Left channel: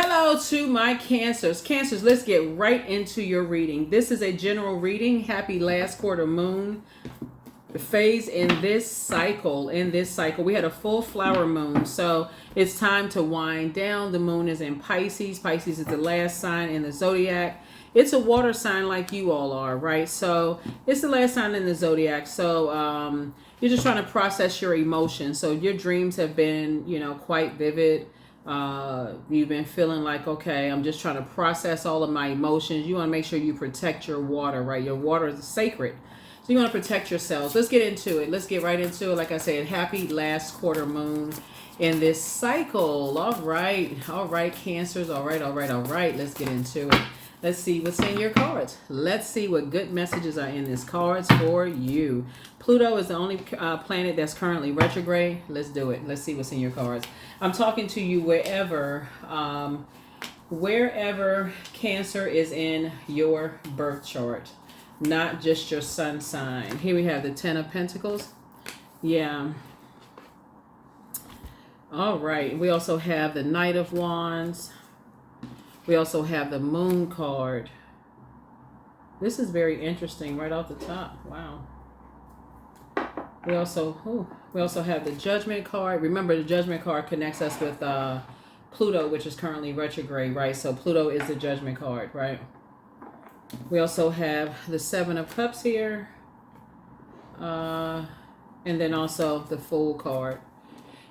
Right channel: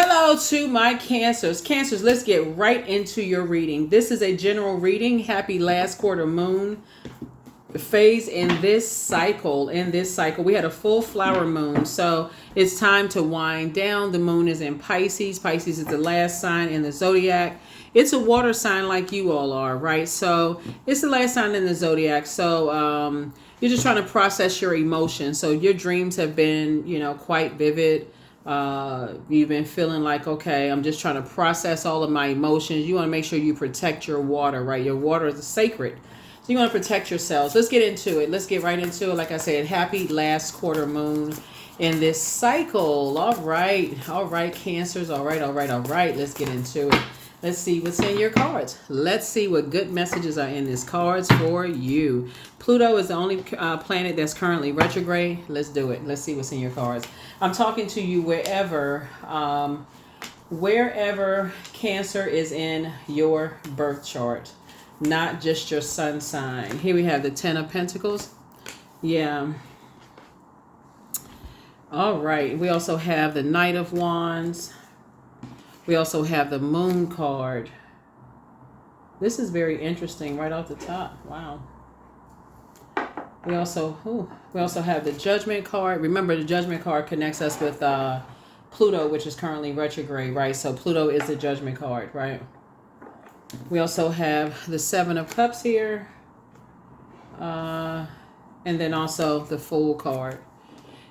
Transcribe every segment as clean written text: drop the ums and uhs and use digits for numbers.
Hello to my Cancers. Cancers, let's get right into your reading. This is a general reading. Happy last quarter moon phase in this cycle. We had a full flower moon, so it's time to wind down. The moon is in Pisces. Pisces is the last sign in the zodiac. It's a water sign like you all are, right? So it's the last sign in the zodiac. So you're just trying to process your emotions. So your dreams have been, quite vivid. You've been feeling like, okay, I'm just trying to process all of my emotions. You want to make sure you protect your water, right? Your water is sacred. So you want to protect yourselves. Let's get into it. Let's get right into it. Like I said, happy last quarter moon in this cycle. All right, Cancers. All right. Let's get into it. Let's see what's in your cards. Let's see what good messages are in these cards for you. Pluto is the only planet that's currently retrograde. Let's do it. Let's see what's in your cards. I'm talking to you wherever Cancer is in your birth chart, not just your sun sign. Here we have the Ten of Pentacles. Yeah. All right. We also have the Knight of Wands. We also have the Moon card. This is very interesting right off the top. Wow. We also have the Judgment card. Remember, the Judgment card connects us with Pluto, which is currently retrograde, right? So Pluto is the Judgment card, right? We also have the Seven of Cups here. And then also the Fool card.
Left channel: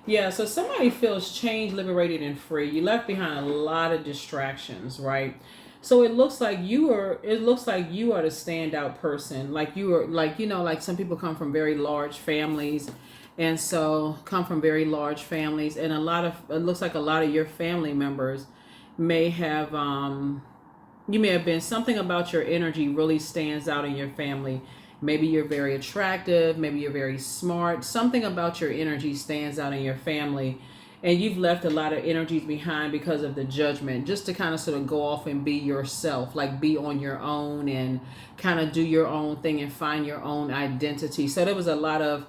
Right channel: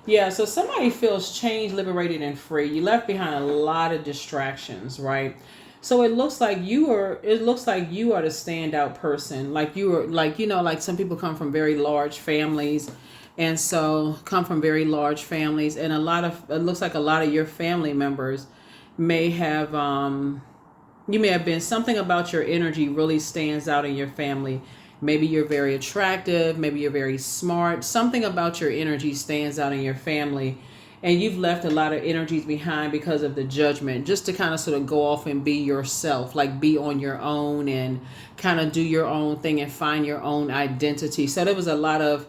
Yeah, so somebody feels changed, liberated, and free. You left behind a lot of distractions, right? So it looks like you are the standout person. Like you are, like some people come from very large families, and it looks like a lot of your family members may have you may have been, something about your energy really stands out in your family. Maybe you're very attractive. Maybe you're very smart. Something about your energy stands out in your family. And you've left a lot of energies behind because of the Judgment, just to kind of sort of go off and be yourself, like be on your own and kind of do your own thing and find your own identity. So there was a lot of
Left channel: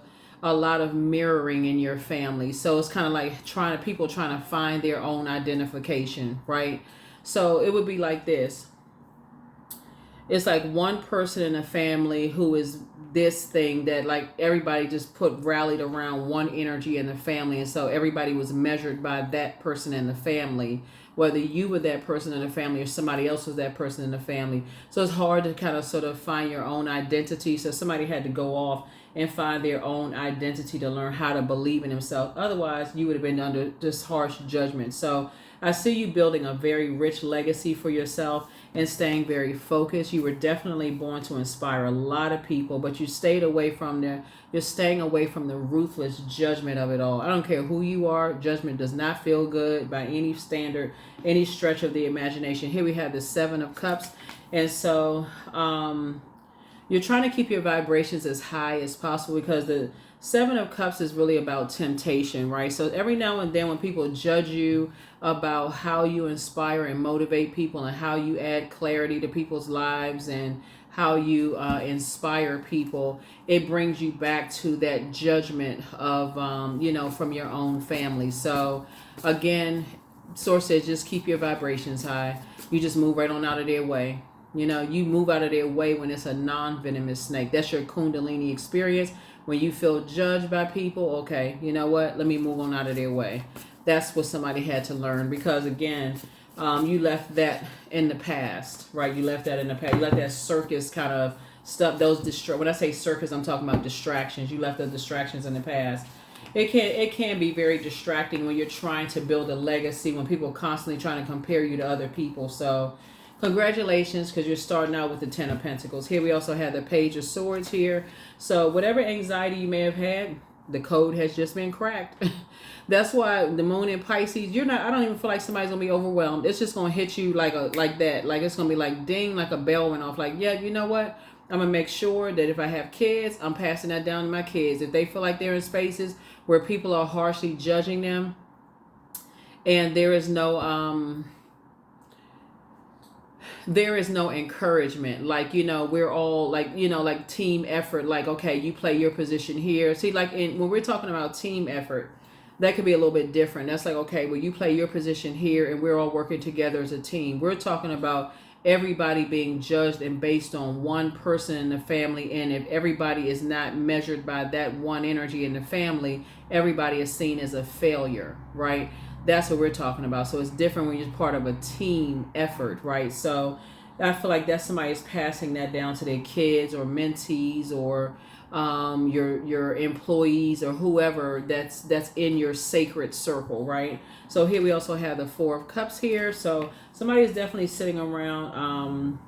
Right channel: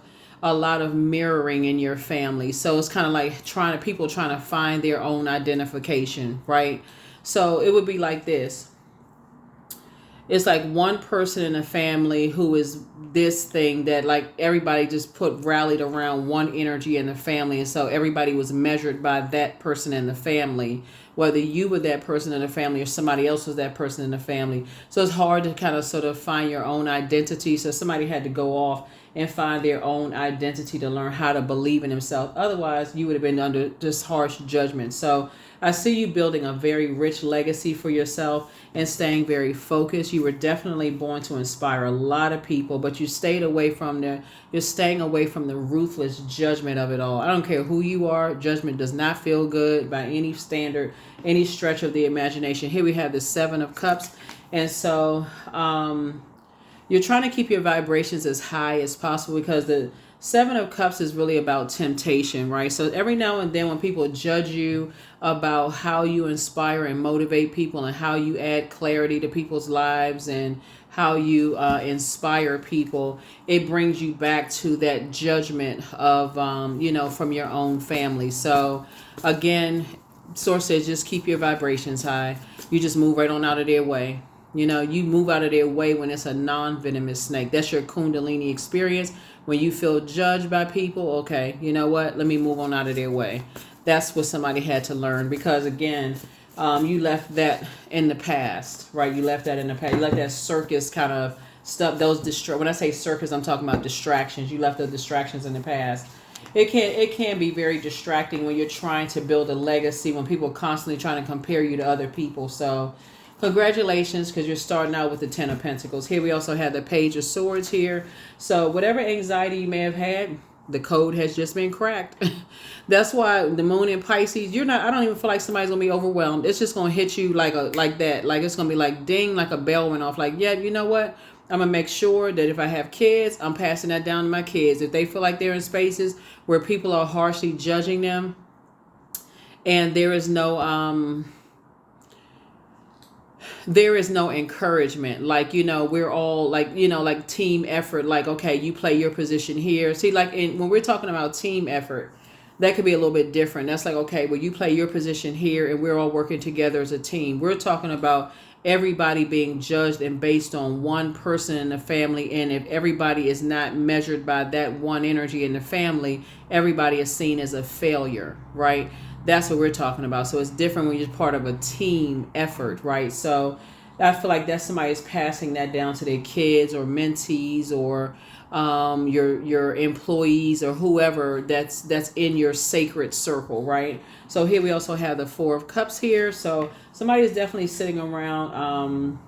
mirroring in your family. So it's kind of like people trying to find their own identification, right? So it would be like this. It's like one person in a family who is this thing that like everybody just rallied around one energy in the family. And so everybody was measured by that person in the family, whether you were that person in the family or somebody else was that person in the family. So it's hard to kind of sort of find your own identity. So somebody had to go off and find their own identity to learn how to believe in themselves. Otherwise, you would have been under just harsh judgment. So I see you building a very rich legacy for yourself and staying very focused. You were definitely born to inspire a lot of people, but you're staying away from the ruthless judgment of it all. I don't care who you are. Judgment does not feel good by any standard, any stretch of the imagination. Here we have the Seven of Cups. And so you're trying to keep your vibrations as high as possible, because the Seven of Cups is really about temptation, right? So every now and then when people judge you about how you inspire and motivate people and how you add clarity to people's lives and how you inspire people, it brings you back to that judgment of, from your own family. So again, Source says just keep your vibrations high. You just move right on out of their way. You move out of their way when it's a non-venomous snake. That's your Kundalini experience. When you feel judged by people, okay, you know what? Let me move on out of their way. That's what somebody had to learn, because again, you left that in the past, right? You left that in the past. You left that circus kind of stuff. When I say circus, I'm talking about distractions. You left those distractions in the past. It can be very distracting when you're trying to build a legacy, when people are constantly trying to compare you to other people. So congratulations, because you're starting out with the Ten of Pentacles. Here we also have the Page of Swords here. So whatever anxiety you may have had, the code has just been cracked. That's why the moon in Pisces, I don't even feel like somebody's gonna be overwhelmed. It's just gonna hit you like that. Like it's gonna be like ding, like a bell went off. Like, yeah, you know what? I'm gonna make sure that if I have kids, I'm passing that down to my kids. If they feel like they're in spaces where people are harshly judging them and there is no encouragement, like, we're all like team effort, like, okay, you play your position here. See, like when we're talking about team effort, that could be a little bit different. That's like, okay, well, you play your position here and we're all working together as a team. We're talking about everybody being judged and based on one person in the family. And if everybody is not measured by that one energy in the family, everybody is seen as a failure, right? That's what we're talking about. So it's different when you're part of a team effort, right? So I feel like that somebody's passing that down to their kids or mentees or your employees or whoever that's in your sacred circle, right? So here we also have the Four of Cups here. So somebody is definitely sitting around,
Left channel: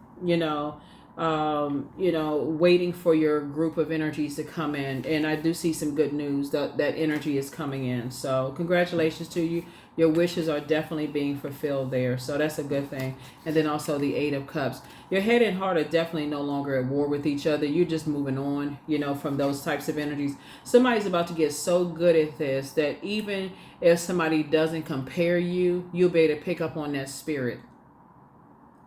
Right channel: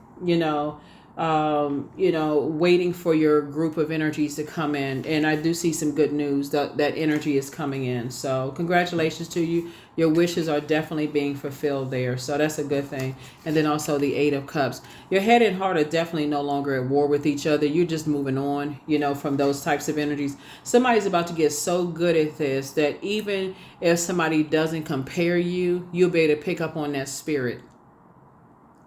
waiting for your group of energies to come in. And I do see some good news that energy is coming in. So congratulations to you. Your wishes are definitely being fulfilled there. So that's a good thing. And then also the Eight of Cups. Your head and heart are definitely no longer at war with each other. You're just moving on, from those types of energies. Somebody's about to get so good at this that even if somebody doesn't compare you, you'll be able to pick up on that spirit.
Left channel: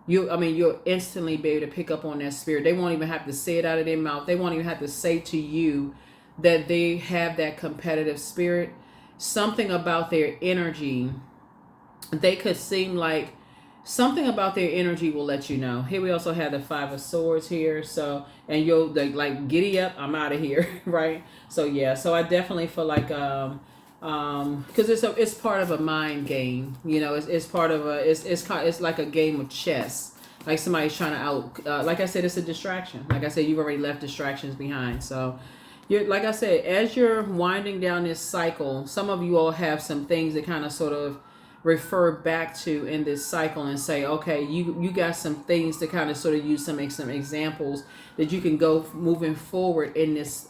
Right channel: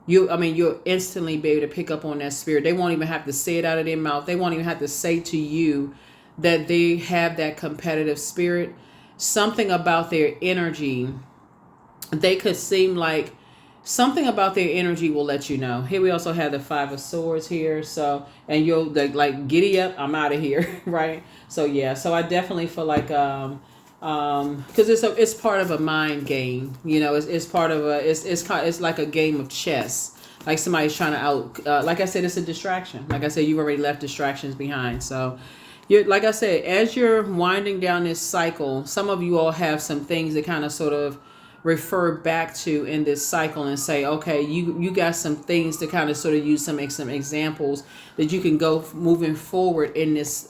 You'll instantly be able to pick up on that spirit. They won't even have to say it out of their mouth. They won't even have to say to you that they have that competitive spirit. Something about their energy, they could seem like something about their energy will let you know. Here we also have the Five of Swords here. So, and you'll like giddy up, I'm out of here, right? So yeah, so I definitely feel like because it's part of a mind game, it's part of it's like a game of chess. Like somebody's trying to like I said, it's a distraction. Like I said, you've already left distractions behind. So like I said, as you're winding down this cycle, some of you all have some things that kind of sort of refer back to in this cycle and say, okay, you got some things to kind of sort of use some examples that you can go moving forward in this,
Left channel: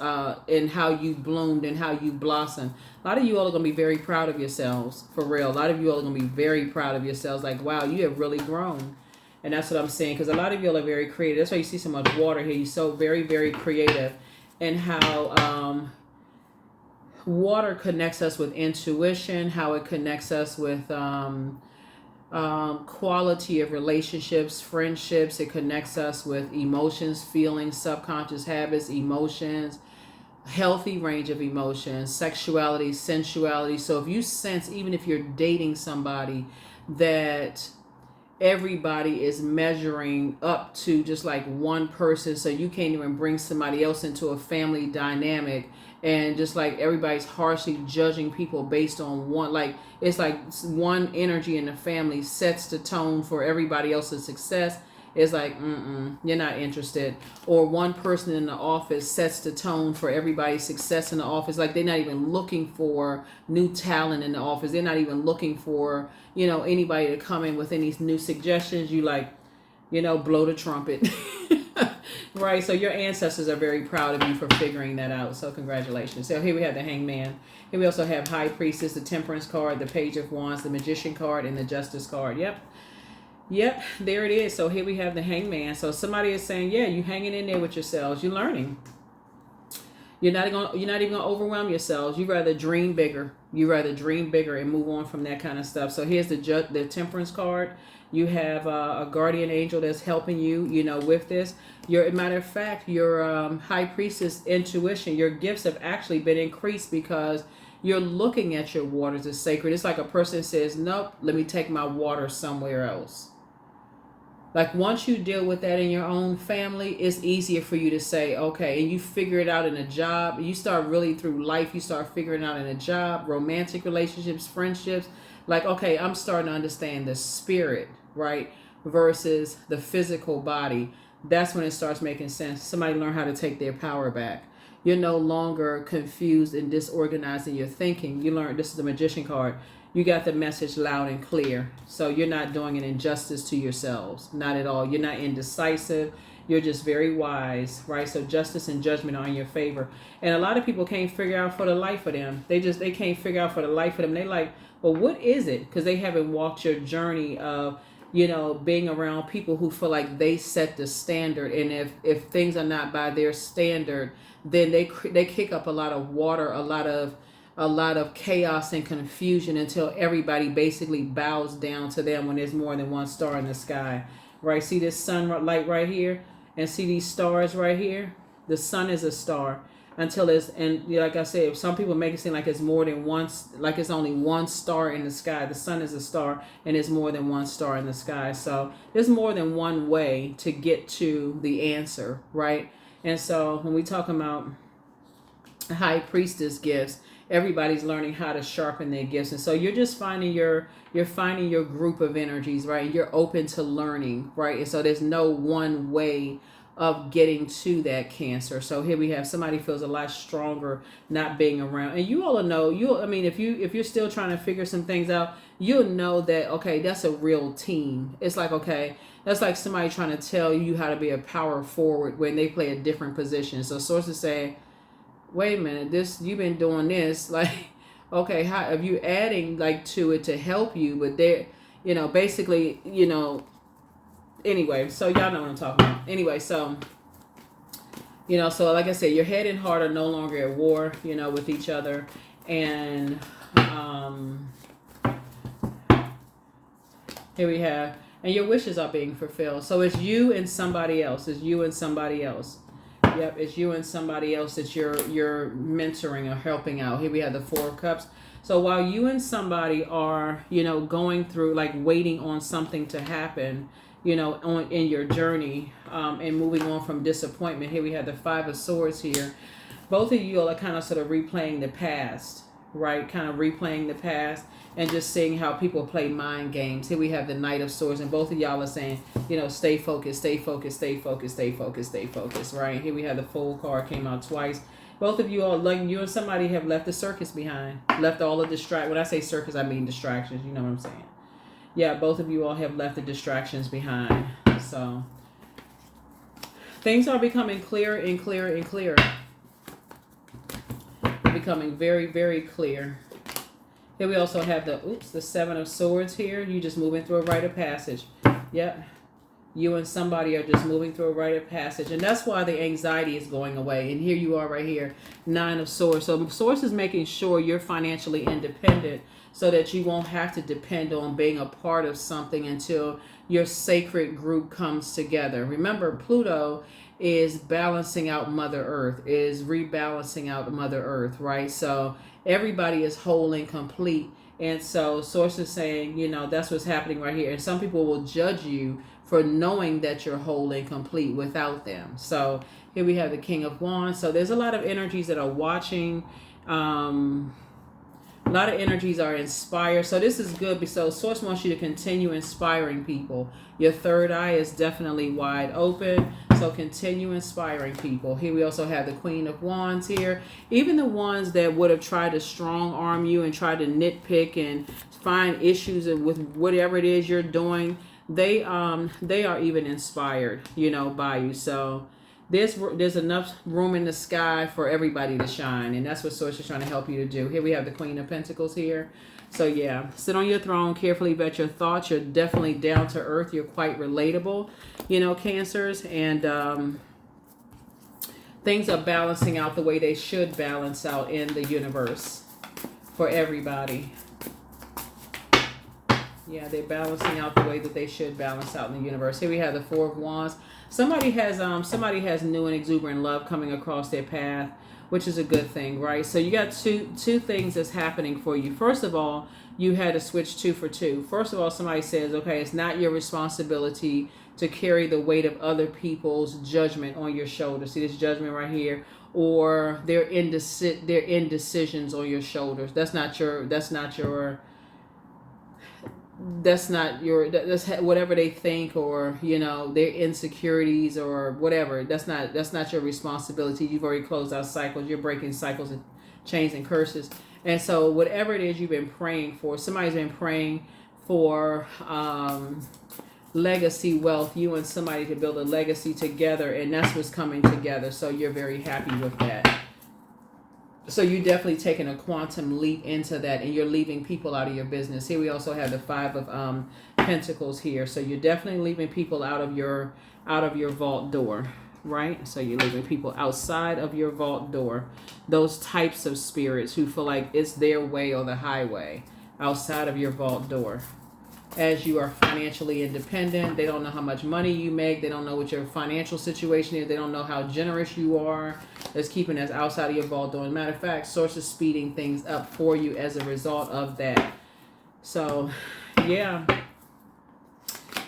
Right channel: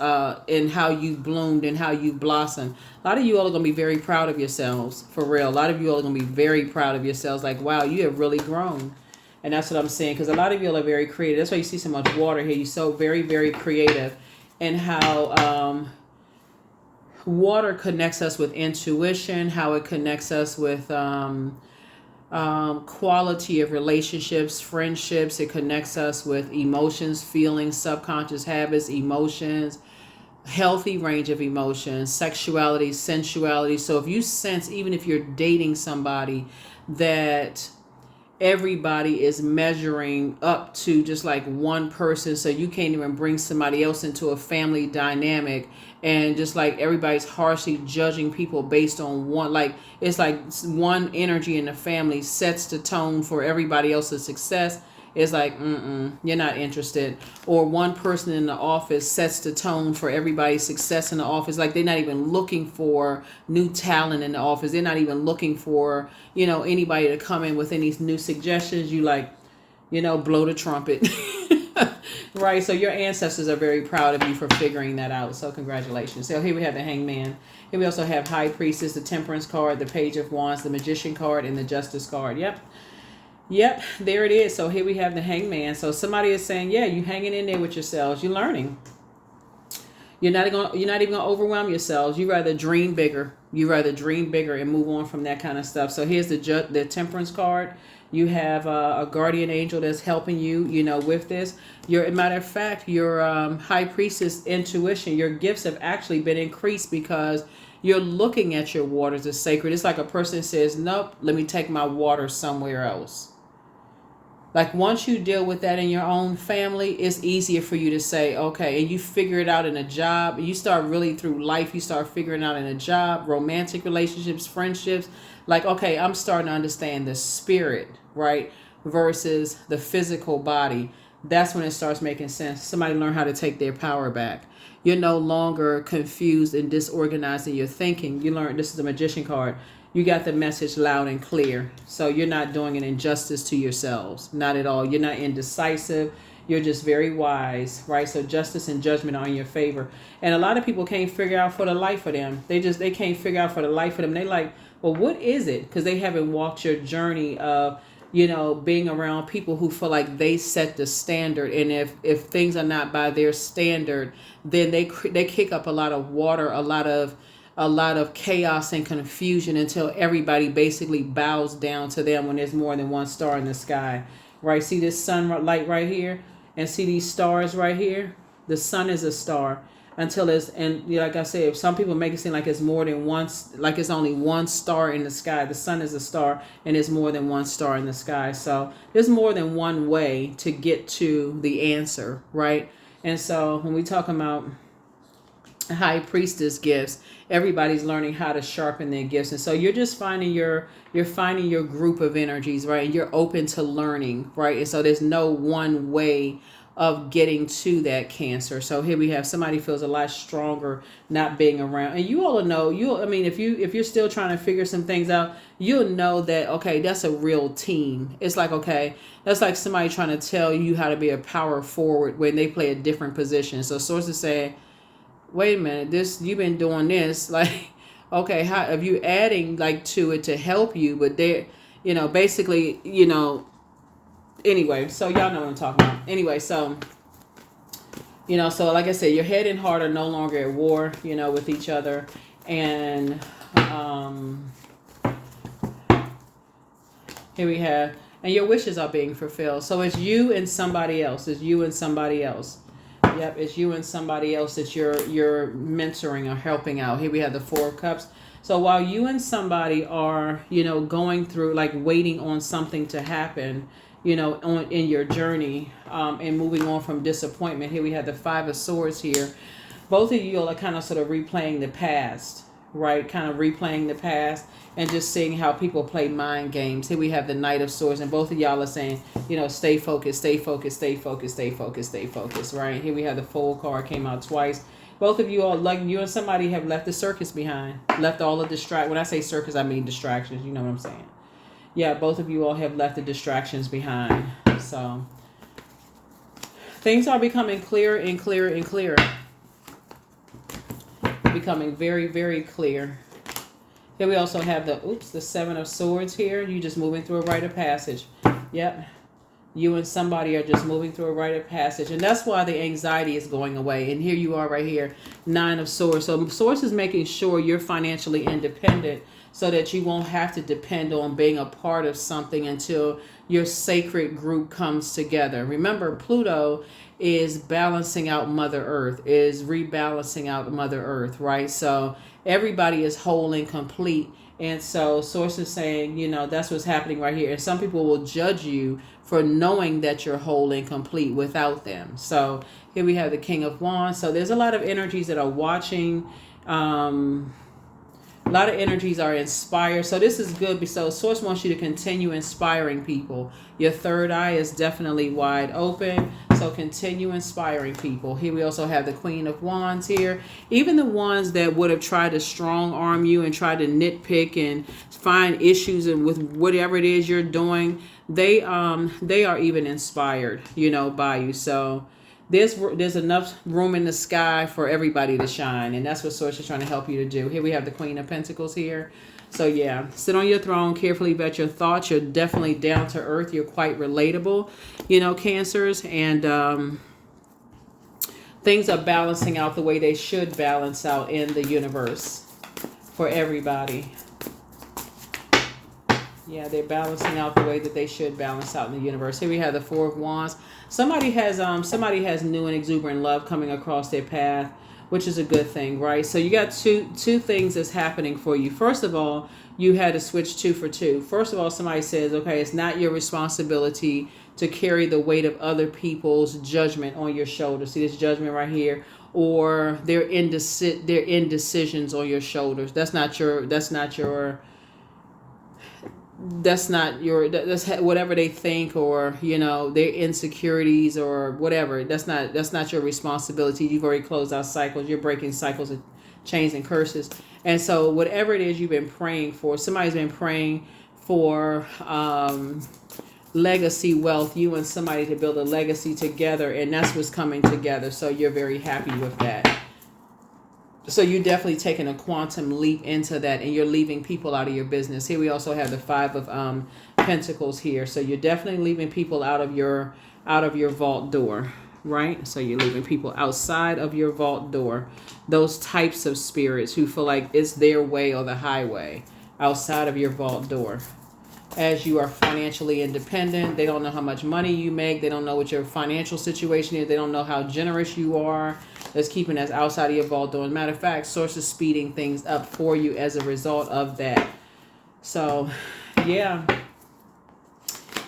in how you bloomed and how you blossomed. A lot of you all are going to be very proud of yourselves, for real. A lot of you all are going to be very proud of yourselves. Like, wow, you have really grown. And that's what I'm saying, because a lot of you all are very creative. That's why you see so much water here. You're so very, very creative. And how water connects us with intuition, how it connects us with quality of relationships, friendships. It connects us with emotions, feelings, subconscious habits, emotions, healthy range of emotions, sexuality, sensuality. So if you sense, even if you're dating somebody, that everybody is measuring up to just like one person, so you can't even bring somebody else into a family dynamic, and just like everybody's harshly judging people based on one, like it's like one energy in the family sets the tone for everybody else's success. It's like, you're not interested. Or one person in the office sets the tone for everybody's success in the office. Like they're not even looking for new talent in the office. They're not even looking for, anybody to come in with any new suggestions. You like, blow the trumpet. Right. So your ancestors are very proud of you for figuring that out. So congratulations. So here we have the Hangman. Here we also have High Priestess, the Temperance card, the Page of Wands, the Magician card, and the Justice card. Yep, there it is. So here we have the Hangman. So somebody is saying, yeah, you hanging in there with yourselves. You're learning. You're not even gonna overwhelm yourselves. You rather dream bigger. And move on from that kind of stuff. So here's the Temperance card. You have a guardian angel that's helping you, with this. Matter of fact, your High Priestess intuition, your gifts have actually been increased because you're looking at your waters as sacred. It's like a person says, nope, let me take my water somewhere else. Like once you deal with that in your own family, it's easier for you to say, okay, and you figure it out in a job. You start really through life, you start figuring out in a job, romantic relationships, friendships. Like, okay, I'm starting to understand the spirit, right, versus the physical body. That's when it starts making sense. Somebody learn how to take their power back. You're no longer confused and disorganized in your thinking. You learn, this is the Magician card. You got the message loud and clear. So you're not doing an injustice to yourselves. Not at all. You're not indecisive. You're just very wise, right? So justice and judgment are in your favor. And a lot of people can't figure out for the life of them. They can't figure out for the life of them. They like, well, what is it? Because they haven't walked your journey of, being around people who feel like they set the standard. And if things are not by their standard, then they kick up a lot of water, a lot of chaos and confusion until everybody basically bows down to them when there's more than one star in the sky. Right? See this sun light right here? And see these stars right here? The sun is a star. until it's, and like I said, some people make it seem like it's more than one, like it's only one star in the sky. The sun is a star, and it's more than one star in the sky. So there's more than one way to get to the answer, right? And so when we talk about high priestess gifts, everybody's learning how to sharpen their gifts. And so you're just finding you're finding your group of energies, right? And you're open to learning, right? And so there's no one way of getting to that Cancer. So here we have somebody feels a lot stronger not being around. And you all know, I mean, if you're still trying to figure some things out, you'll know that, okay, that's a real team. It's like, okay, that's like somebody trying to tell you how to be a power forward when they play a different position. So sources say, wait a minute, this, you've been doing this, like, okay, how if you adding like to it to help you, but they, basically, anyway, so y'all know what I'm talking about. Anyway, so so like I said, your head and heart are no longer at war, with each other. And here we have, and your wishes are being fulfilled. So it's you and somebody else. It's you and somebody else. Yep, it's you and somebody else that you're mentoring or helping out. Here we have the Four of Cups. So while you and somebody are, going through, like, waiting on something to happen, in your journey, and moving on from disappointment. Here we have the Five of Swords here. Both of you are kind of sort of replaying the past, right? Kind of replaying the past and just seeing how people play mind games. Here we have the Knight of Swords, and both of y'all are saying, stay focused, stay focused, stay focused, stay focused, stay focused, right? Here we have the Fool card, came out twice. Both of you all, like you and somebody, have left the circus behind. Left all the when I say circus, I mean distractions. You know what I'm saying? Yeah, both of you all have left the distractions behind. So things are becoming clearer and clearer and clearer. Becoming very, very clear. Here we also have the Seven of Swords here. You just moving through a rite of passage. Yep. You and somebody are just moving through a rite of passage. And that's why the anxiety is going away. And here you are right here, Nine of Swords. So Swords is making sure you're financially independent so that you won't have to depend on being a part of something until your sacred group comes together. Remember, Pluto is balancing out Mother Earth, is rebalancing out Mother Earth, right? So everybody is whole and complete. And so Source is saying, that's what's happening right here. And some people will judge you for knowing that you're whole and complete without them. So here we have the King of Wands. So there's a lot of energies that are watching. A lot of energies are inspired. So this is good because Source wants you to continue inspiring people. Your third eye is definitely wide open. So continue inspiring people. Here we also have the Queen of Wands here. Even the ones that would have tried to strong arm you and try to nitpick and find issues and with whatever it is you're doing, they are even inspired, by you. So there's enough room in the sky for everybody to shine, and that's what Source is trying to help you to do. Here we have the Queen of Pentacles here. So yeah, sit on your throne, carefully vet your thoughts. You're definitely down to earth. You're quite relatable, Cancers, and things are balancing out the way they should balance out in the universe for everybody. Yeah, they're balancing out the way that they should balance out in the universe. Here we have the Four of Wands. Somebody has new and exuberant love coming across their path, which is a good thing, right? So you got two things that's happening for you. First of all, you had to switch 2 for 2. First of all, somebody says, okay, it's not your responsibility to carry the weight of other people's judgment on your shoulders. See this judgment right here, or their indecisions on your shoulders. That's whatever they think, or their insecurities or whatever. That's not your responsibility. You've already closed out cycles. You're breaking cycles and chains and curses. And so whatever it is you've been praying for, somebody's been praying for legacy wealth, you and somebody to build a legacy together, and that's what's coming together. So you're very happy with that. So you're definitely taking a quantum leap into that, and you're leaving people out of your business. Here we also have the Five of Pentacles here. So you're definitely leaving people out of your vault door, right? So you're leaving people outside of your vault door. Those types of spirits who feel like it's their way or the highway, outside of your vault door. as you are financially independent. They don't know how much money you make. They don't know what your financial situation is. They don't know how generous you are. It's keeping us outside of your vault door. As a matter of fact, Source is speeding things up for you as a result of that. So, yeah.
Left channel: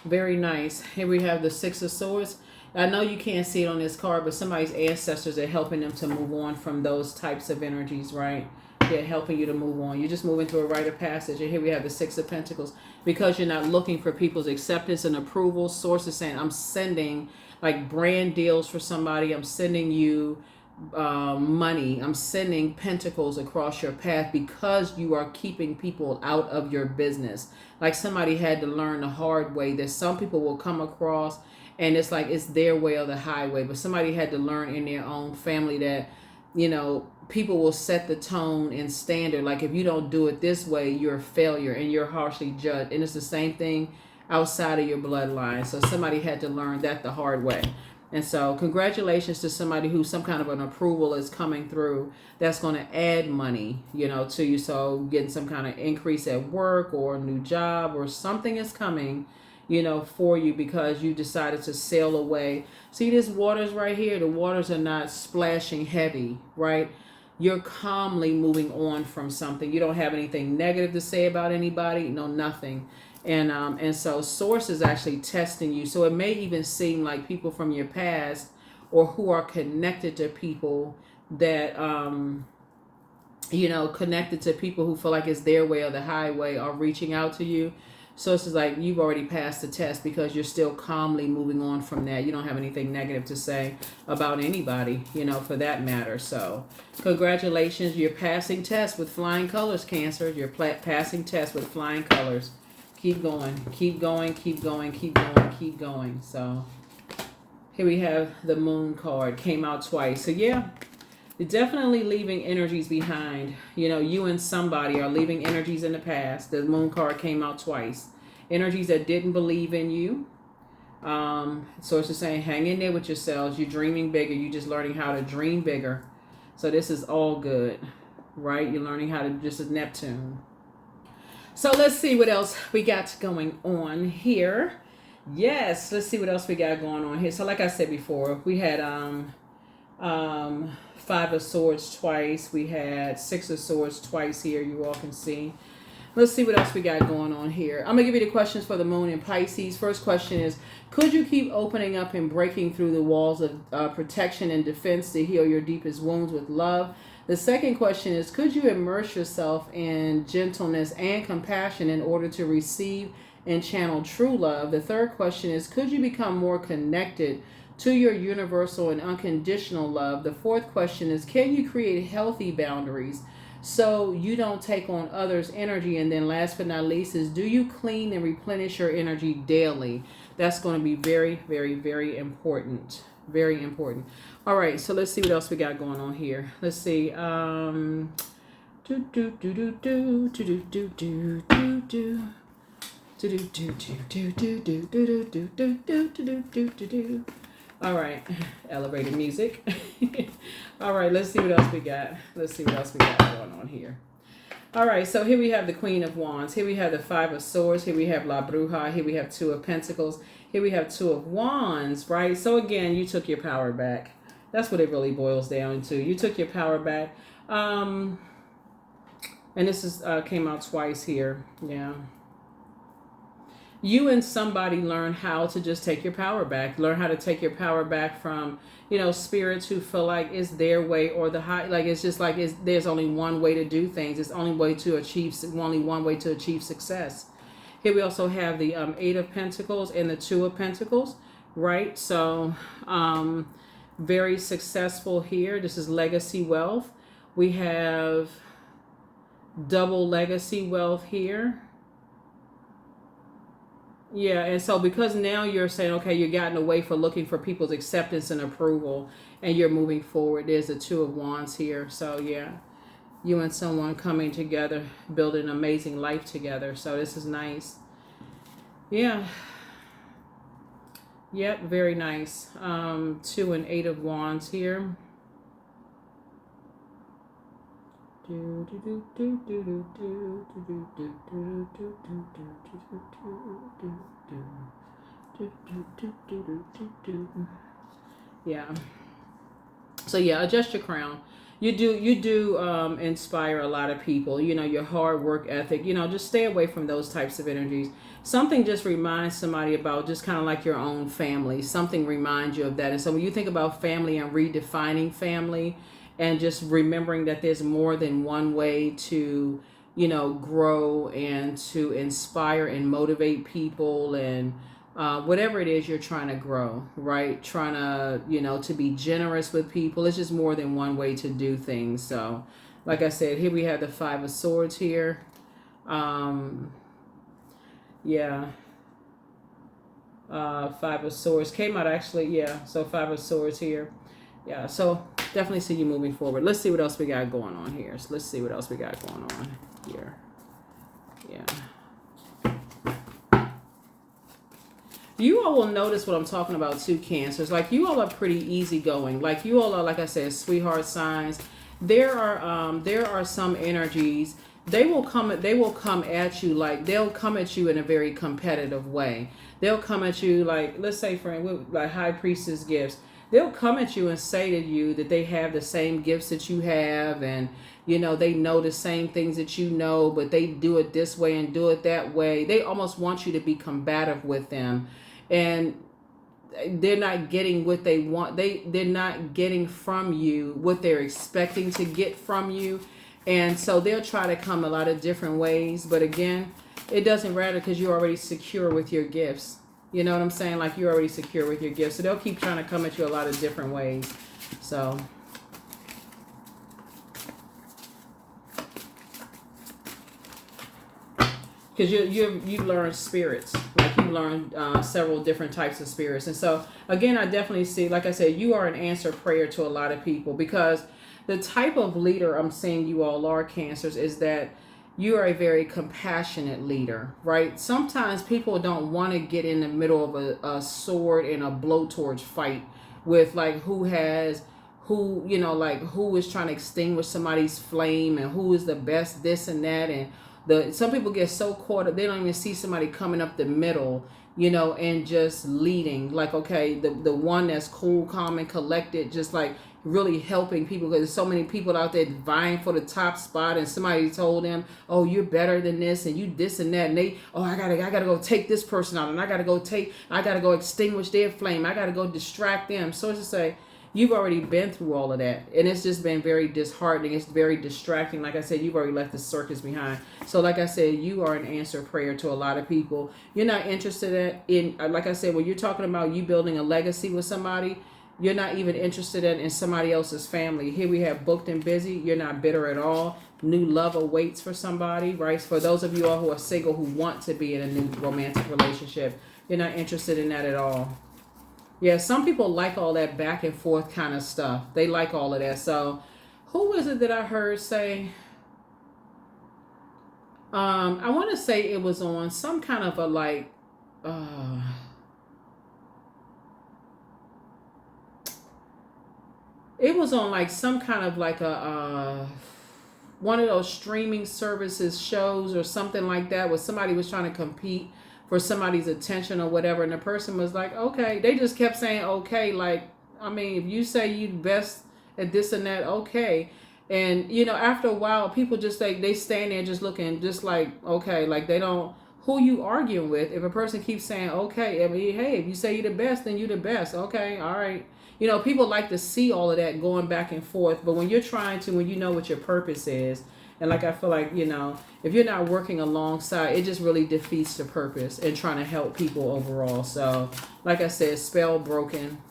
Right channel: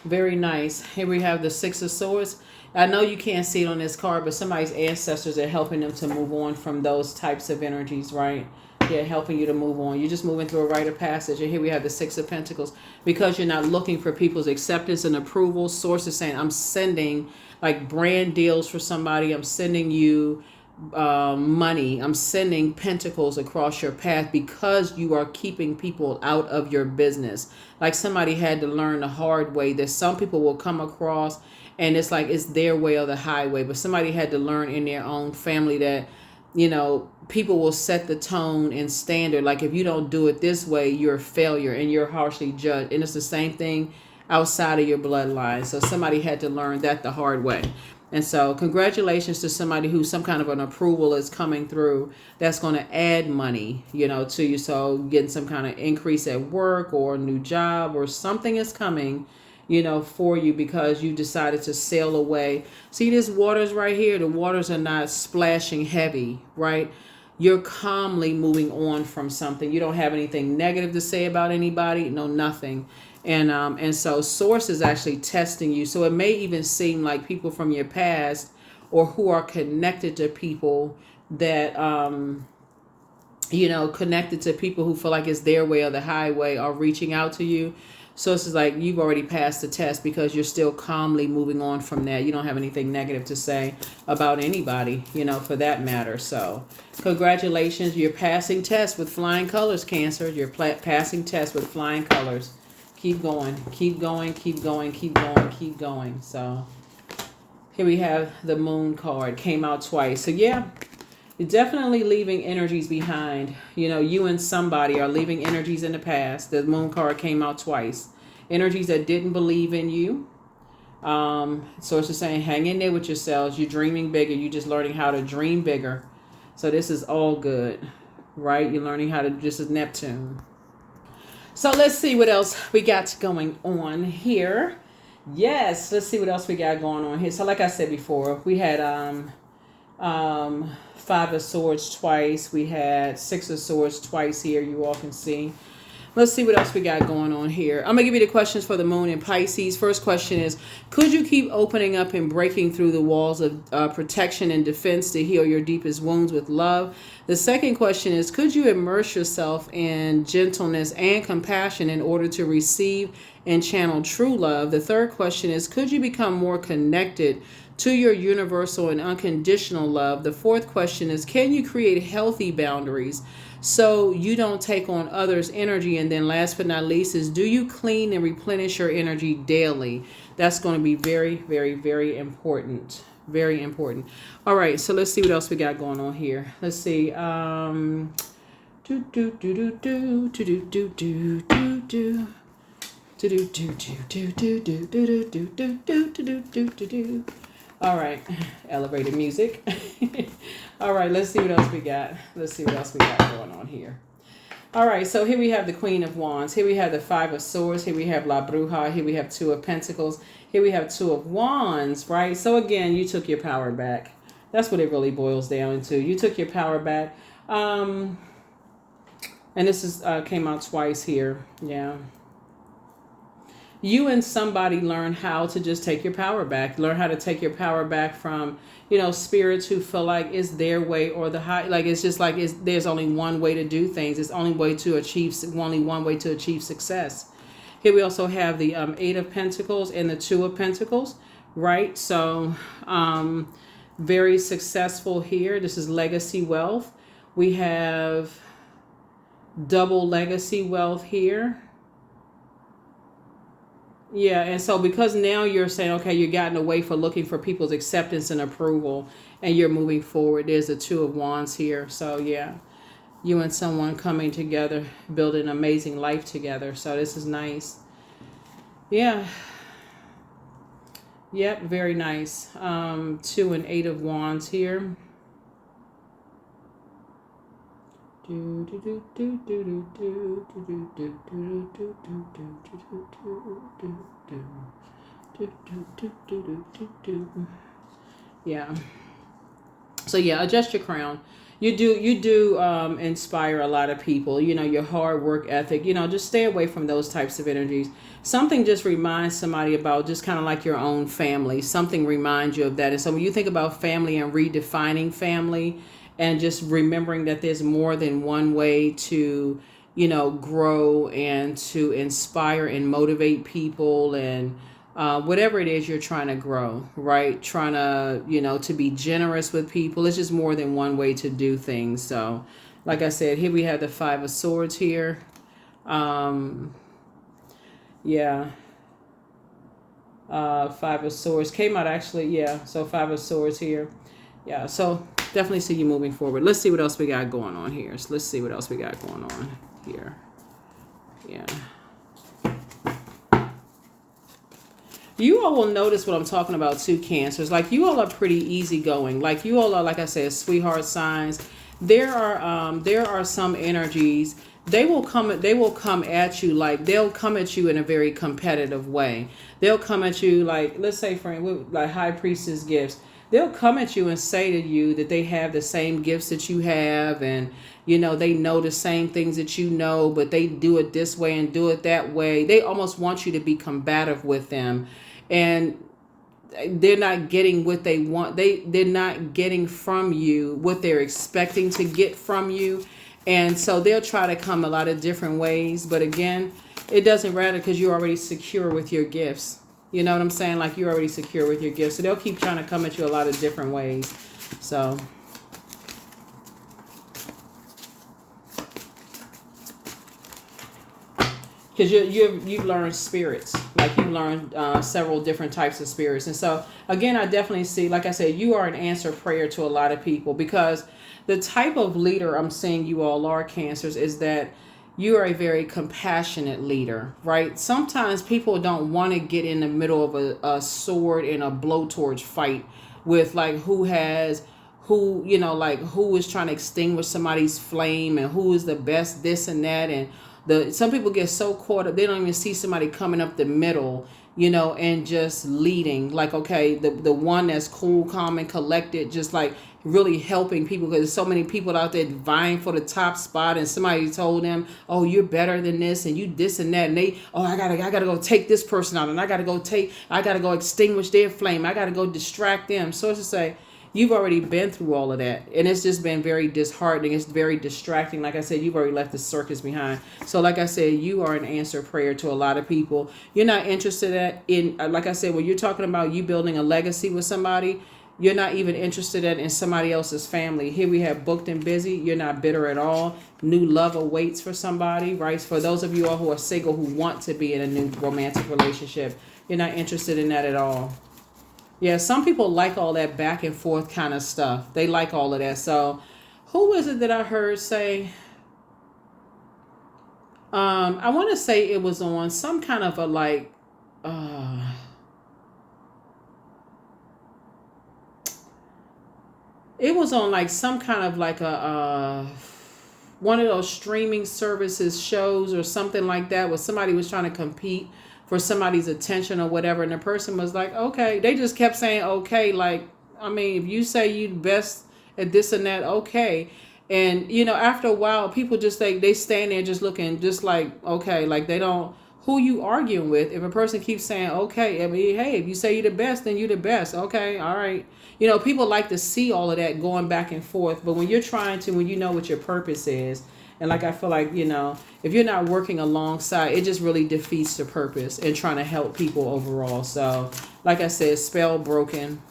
Very nice. Here we have the Six of Swords. I know you can't see it on this card, but somebody's ancestors are helping them to move on from those types of energies, right? They're helping you to move on. You're just moving through a rite of passage. And here we have the Six of Pentacles. Because you're not looking for people's acceptance and approval, Source is saying, I'm sending like brand deals for somebody. I'm sending you money. I'm sending pentacles across your path because you are keeping people out of your business. Like somebody had to learn the hard way that some people will come across and it's like it's their way or the highway. But somebody had to learn in their own family that, you know, people will set the tone and standard. Like if you don't do it this way, you're a failure and you're harshly judged. And it's the same thing outside of your bloodline. So somebody had to learn that the hard way. And so congratulations to somebody who some kind of an approval is coming through that's going to add money, you know, to you. So getting some kind of increase at work or a new job or something is coming, you know, for you because you decided to sail away. See this waters right here? The waters are not splashing heavy, right? You're calmly moving on from something. You don't have anything negative to say about anybody. No, nothing. And so Source is actually testing you. So it may even seem like people from your past or who are connected to people that, you know, connected to people who feel like it's their way or the highway are reaching out to you. So it's like you've already passed the test because you're still calmly moving on from that. You don't have anything negative to say about anybody, you know, for that matter. So congratulations. You're passing tests with flying colors, Cancer. You're passing tests with flying colors. Keep going, keep going, keep going, keep going, keep going. So here we have the Moon card. Came out twice. So yeah, you're definitely leaving energies behind. You know, you and somebody are leaving energies in the past. The Moon card came out twice. Energies that didn't believe in you. Source is saying, hang in there with yourselves. You're dreaming bigger. You're just learning how to dream bigger. So this is all good, right? You're learning how to, this is Neptune. So let's see what else we got going on here. Yes, let's see what else we got going on here. So like I said before, we had Five of Swords twice. We had Six of Swords twice here. You all can see. Let's see what else we got going on here. I'm going to give you the questions for the Moon in Pisces. First question is, could you keep opening up and breaking through the walls of protection and defense to heal your deepest wounds with love? The second question is, could you immerse yourself in gentleness and compassion in order to receive and channel true love? The third question is, could you become more connected to your universal and unconditional love? The fourth question is, can you create healthy boundaries so you don't take on others' energy? And then last but not least is, do you clean and replenish your energy daily? That's going to be very, very, very important. Very important. All right, so let's see what else we got going on here. Let's see. Do do do do do do do do do do do. All right, elevator music. All right, let's see what else we got. Let's see what else we got going on here. All right, so here we have the Queen of Wands. Here we have the Five of Swords. Here we have La Bruja. Here we have Two of Pentacles. Here we have Two of Wands, right? So again, you took your power back. That's what it really boils down to. You took your power back. And this is came out twice here. Yeah. You and somebody learn how to just take your power back. Learn how to take your power back from, you know, spirits who feel like it's their way or the high. Like it's just like there's only one way to do things. It's only way to achieve only one way to achieve success. Here we also have the Eight of Pentacles and the Two of Pentacles, right? So very successful here. This is legacy wealth. We have double legacy wealth here. Yeah, and so because now you're saying, okay, you've gotten away from looking for people's acceptance and approval, and you're moving forward. There's the Two of Wands here. So yeah, you and someone coming together, building an amazing life together. So this is nice. Yeah. Yep, very nice. Two and Eight of Wands here. Yeah. So yeah, adjust your crown. You do inspire a lot of people. You know, your hard work ethic. You know, just stay away from those types of energies. Something just reminds somebody about just kind of like your own family. Something reminds you of that. And so when you think about family and redefining family, and just remembering that there's more than one way to, you know, grow and to inspire and motivate people and whatever it is you're trying to grow, right? Trying to, you know, to be generous with people. It's just more than one way to do things. So, like I said, here we have the Five of Swords here. Um, yeah. Five of Swords came out actually. Yeah. So Five of Swords here. Yeah. So definitely see you moving forward. Let's see what else we got going on here. So let's see what else we got going on here. Yeah. You all will notice what I'm talking about too, Cancers. Like you all are pretty easygoing. Like you all are, like I said, sweetheart signs. There are some energies. They will come. They will come at you like they'll come at you in a very competitive way. They'll come at you like, let's say for like High Priestess gifts. They'll come at you and say to you that they have the same gifts that you have, and you know they know the same things that you know, but they do it this way and do it that way. They almost want you to be combative with them, and they're not getting what they want. They're not getting from you what they're expecting to get from you, and so they'll try to come a lot of different ways. But again, it doesn't matter because you're already secure with your gifts. You know what I'm saying? Like you're already secure with your gifts, so they'll keep trying to come at you a lot of different ways. So. Because you've learned spirits, like you've learned several different types of spirits. And so again, I definitely see, like I said, you are an answer prayer to a lot of people, because the type of leader I'm seeing you all are, Cancers, is that you are a very compassionate leader, right? Sometimes people don't want to get in the middle of a sword and a blowtorch fight with like who, you know, like who is trying to extinguish somebody's flame and who is the best this and that. And some people get so caught up they don't even see somebody coming up the middle, you know, and just leading. Like, okay, the one that's cool, calm, and collected, just like really helping people, because there's so many people out there vying for the top spot, and somebody told them, oh, you're better than this and you this and that, and they, oh, I gotta go take this person out, and I gotta go extinguish their flame, I gotta go distract them. So it's to say, you've already been through all of that, and it's just been very disheartening. It's very distracting. Like I said, you've already left the circus behind. So like I said, you are an answer prayer to a lot of people. You're not interested in like I said, when you're talking about you building a legacy with somebody, you're not even interested in somebody else's family. Here we have booked and busy. You're not bitter at all. New love awaits for somebody, right? For those of you all who are single, who want to be in a new romantic relationship, you're not interested in that at all. Yeah, some people like all that back and forth kind of stuff. They like all of that. So, who was it that I heard say? I want to say it was on some kind of a like. It was on like some kind of like a one of those streaming services shows or something like that, where somebody was trying to compete for somebody's attention or whatever, and the person was like, okay, they just kept saying okay, like, I mean, if you say you best at this and that, okay. And you know, after a while, people just they stand there just looking just like, okay, like they don't, who you arguing with? If a person keeps saying okay, I mean, hey, if you say you're the best, then you're the best. Okay, all right. You know, people like to see all of that going back and forth, but when you're trying to, when you know what your purpose is, and like I feel like, you know, if you're not working alongside, it just really defeats the purpose and trying to help people overall. So, like I said, spell broken,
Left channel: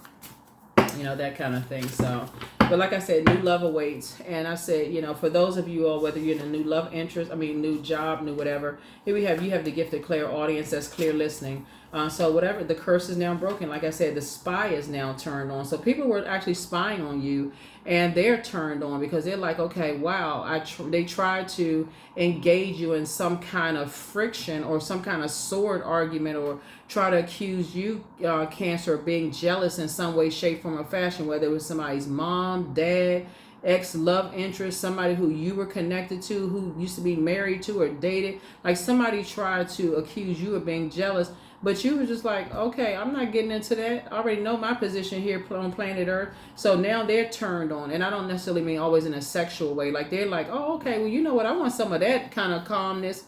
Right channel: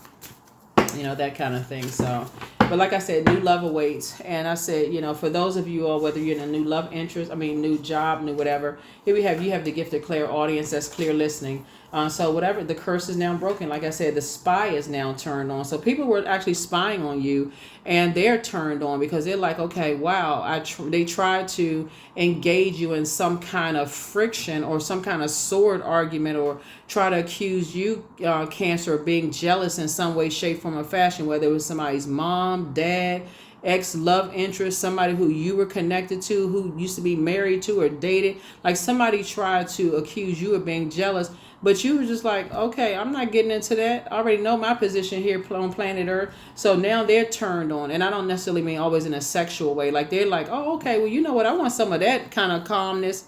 you know, that kind of thing. So, but like I said, new love awaits. And I said, you know, for those of you all, whether you're in a new love interest, I mean, new job, new whatever, here you have the gift of clear audience, that's clear listening. So whatever, the curse is now broken. Like I said, the spy is now turned on. So people were actually spying on you, and they're turned on because they're like, okay, wow, they tried to engage you in some kind of friction or some kind of sword argument, or try to accuse you, Cancer, of being jealous in some way, shape, form, or fashion, whether it was somebody's mom, dad, ex love interest, somebody who you were connected to, who used to be married to or dated. Like somebody tried to accuse you of being jealous, but you were just like, okay, I'm not getting into that. I already know my position here on planet Earth. So now they're turned on. And I don't necessarily mean always in a sexual way. Like they're like, oh, okay, well, you know what? I want some of that kind of calmness.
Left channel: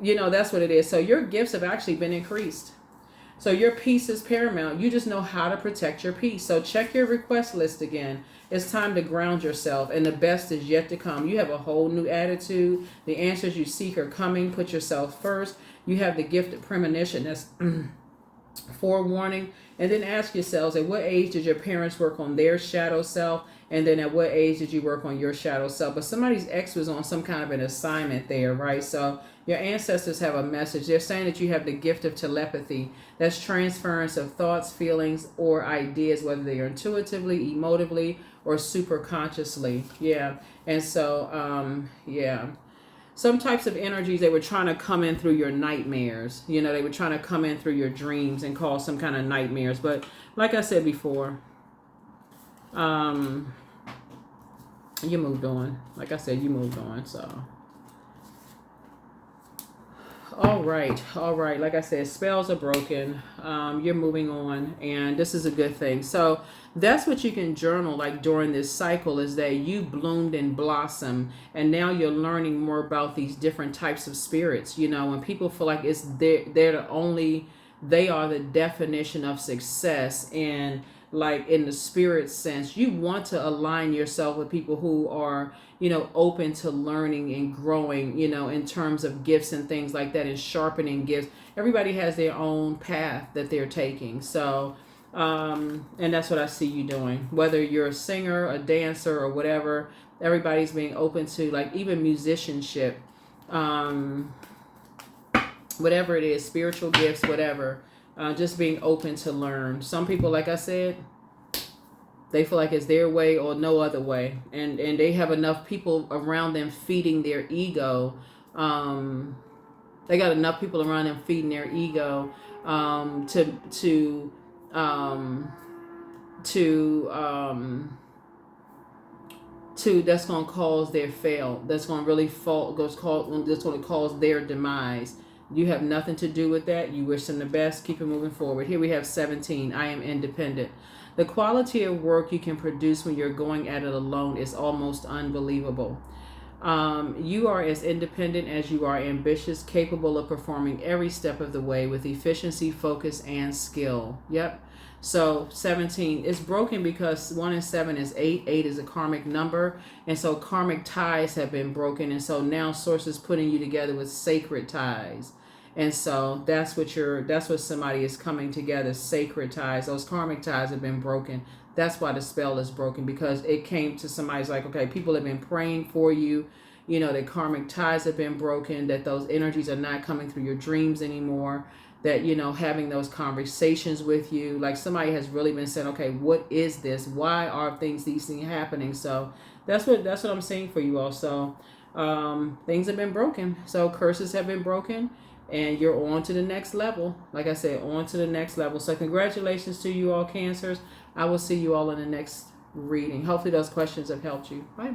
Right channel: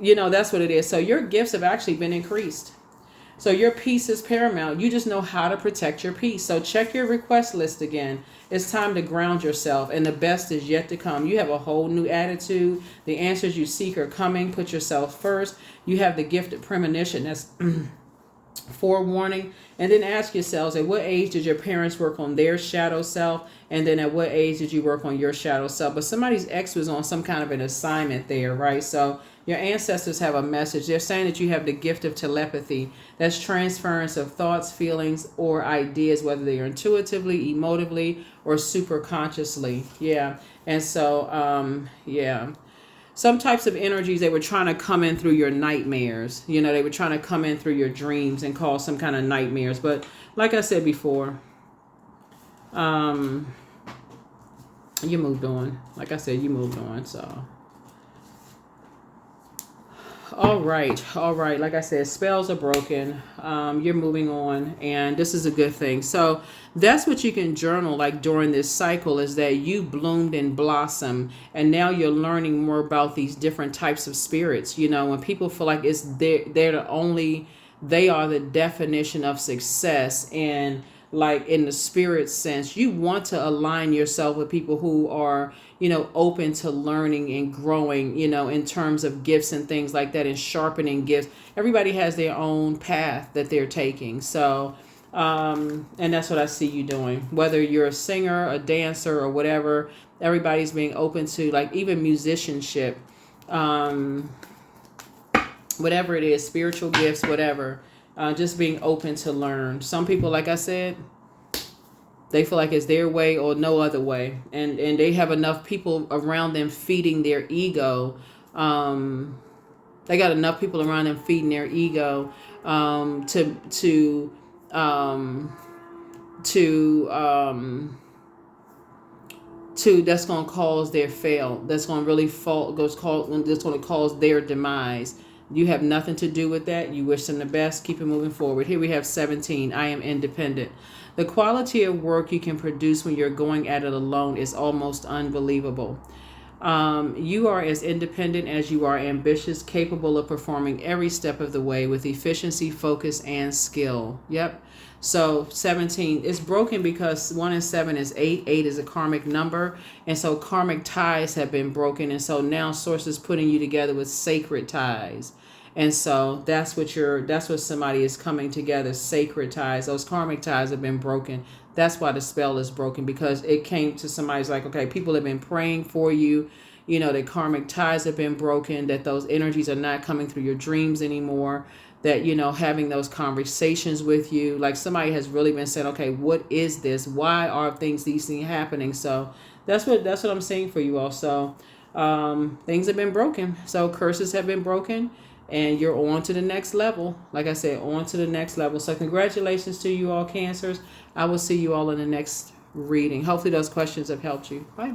That's what it is. So your gifts have actually been increased. So your peace is paramount. You just know how to protect your peace. So check your request list again. It's time to ground yourself, and the best is yet to come. You have a whole new attitude. The answers you seek are coming. Put yourself first. You have the gift of premonition. That's forewarning. And then ask yourselves, at what age did your parents work on their shadow self? And then at what age did you work on your shadow self? But somebody's ex was on some kind of an assignment there, right? So your ancestors have a message. They're saying that you have the gift of telepathy. That's transference of thoughts, feelings, or ideas, whether they're intuitively, emotively, or super consciously. Yeah. And so, some types of energies, they were trying to come in through your nightmares. They were trying to come in through your dreams and cause some kind of nightmares. But like I said before, you moved on. Like I said, you moved on. So, all right. Like I said, spells are broken. You're moving on, and this is a good thing. So that's what you can journal like during this cycle, is that you bloomed and blossomed, and now you're learning more about these different types of spirits. When people feel like they are the definition of success, and like in the spirit sense, you want to align yourself with people who are open to learning and growing, in terms of gifts and things like that, and sharpening gifts. Everybody has their own path that they're taking. So, and that's what I see you doing. Whether you're a singer, a dancer, or whatever, everybody's being open to, like, even musicianship, whatever it is, spiritual gifts, whatever, just being open to learn. Some people, like I said, they feel like it's their way or no other way. And they have enough people around them feeding their ego. They got enough people around them feeding their ego to that's going to cause their fail. That's going to really that's going to cause their demise. You have nothing to do with that. You wish them the best. Keep it moving forward. Here we have 17. I am independent. The quality of work you can produce when you're going at it alone is almost unbelievable. You are as independent as you are ambitious, capable of performing every step of the way with efficiency, focus, and skill. Yep. So 17 is broken because 1 and 7 is 8. 8 is a karmic number. And so karmic ties have been broken. And so now source is putting you together with sacred ties. And so that's what somebody is coming together, sacred ties. Those karmic ties have been broken. That's why the spell is broken, because it came to somebody's like, okay, people have been praying for you. The karmic ties have been broken, that those energies are not coming through your dreams anymore, that, having those conversations with you, like somebody has really been saying, okay, what is this? Why are these things happening? So that's what I'm saying for you all. So things have been broken. So curses have been broken. And you're on to the next level. Like I said, on to the next level. So congratulations to you all, Cancers. I will see you all in the next reading. Hopefully those questions have helped you. Bye.